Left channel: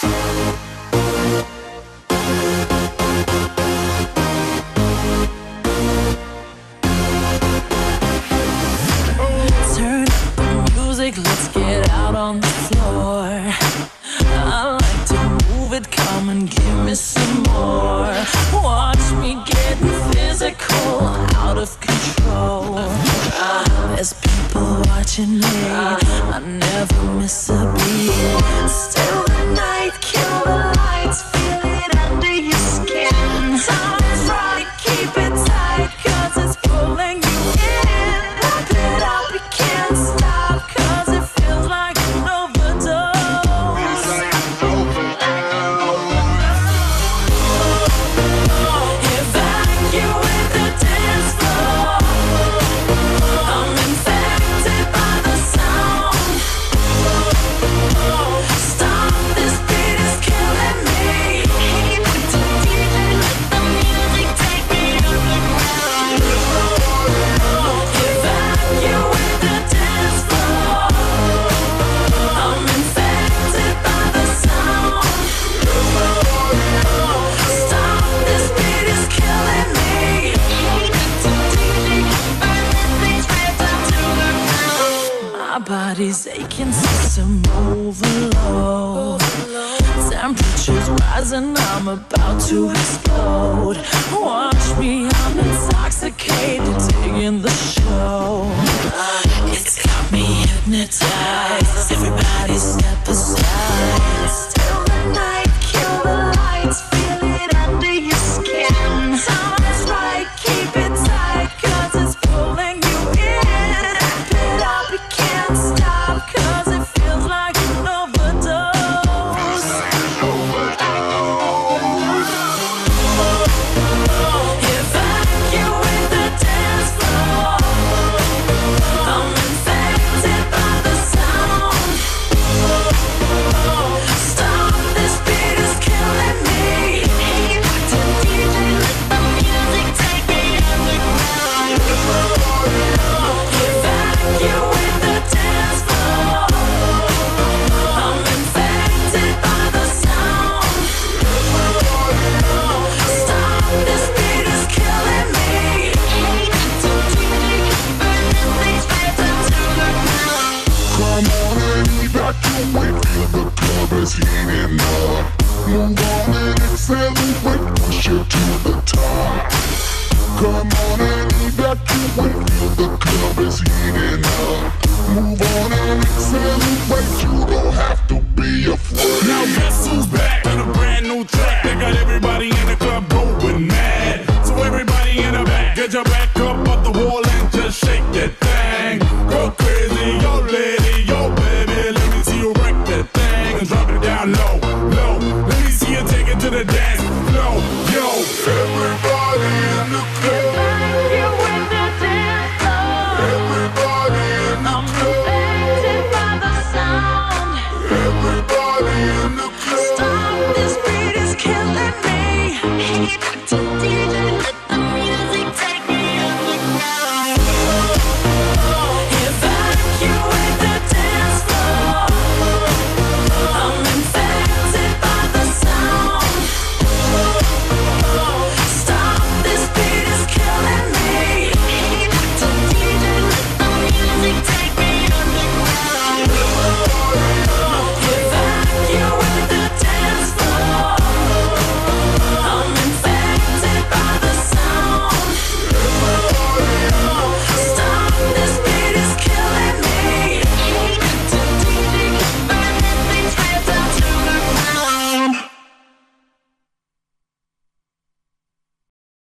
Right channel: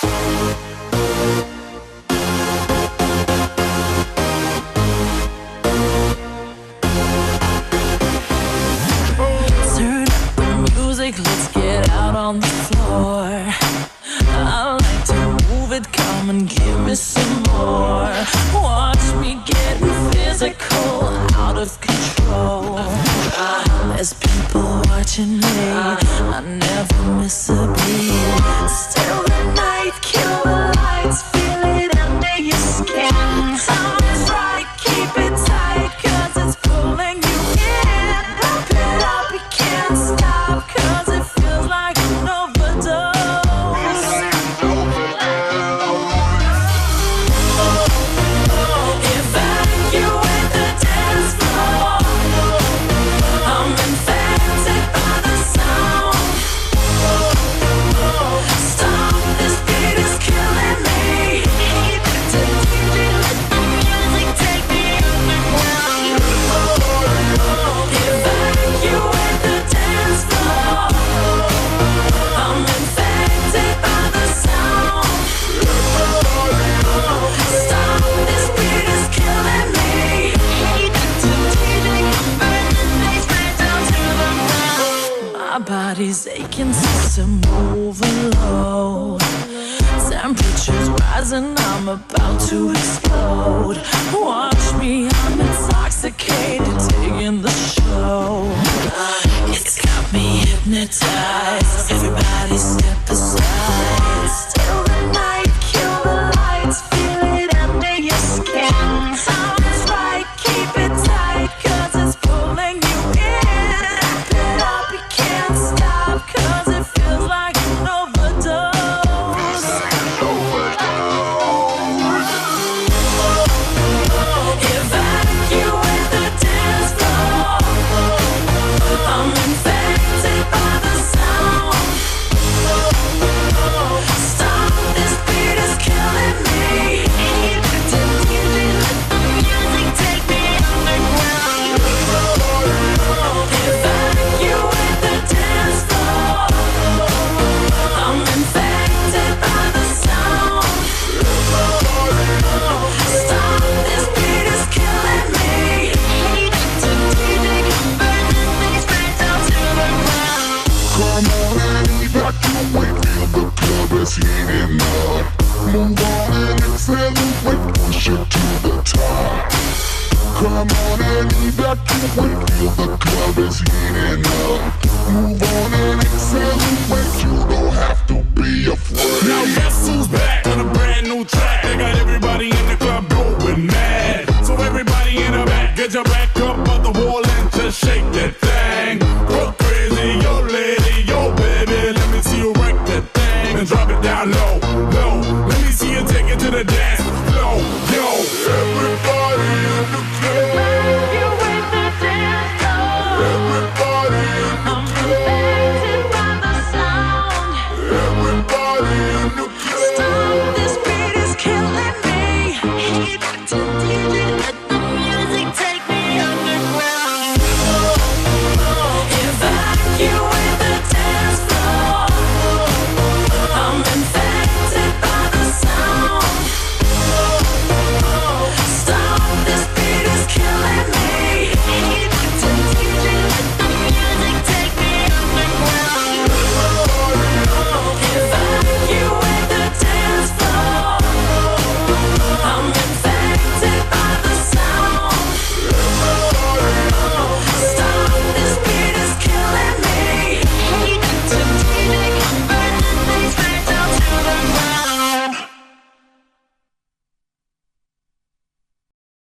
Turn up the music, let's get out on the floor. I like to move it, come and give me some more. Watch me getting physical, out of control. There's people watching me, I never miss a beat. Still the night, kill the lights, feel it under your skin. Something's right, keep it tight, 'cause it's pulling you in. Wrap it up, you can't stop, 'cause it feels like an overdose. Evacuate the dance floor. I'm infected by the sound. Stop, this beat is killing me. Hey, Mr. DJ, let the music take me underground. Evacuate the dance floor. I'm infected by the sound. Stop, this beat is killing me. Hey, Mr. DJ, burn this place right down to the ground. My body's aching, system overload. Temperature's rising, I'm about to explode. Watch me, I'm intoxicated, taking the show. It's got me hypnotized. Everybody step aside. Still the night, kill the lights, feel it under your skin. Something's right, keep it tight, 'cause it's pulling you in. Wrap it up, you can't stop, 'cause it feels like an overdose. Evacuate the dance floor. I'm infected by the sound. Stop, this beat is killing me. Hey, Mr. DJ, let the music take me underground. Evacuate the dance floor. I'm infected by the sound. Stop, this beat is killing me. Hey, Mr. DJ, burn this place right down to the ground. Come on and evacuate, feel the club is heating up. Move on and accelerate, push it to the top. Come on and evacuate, feel the club is heating up. Move on and accelerate, you don't have to be afraid. Now guess who's back?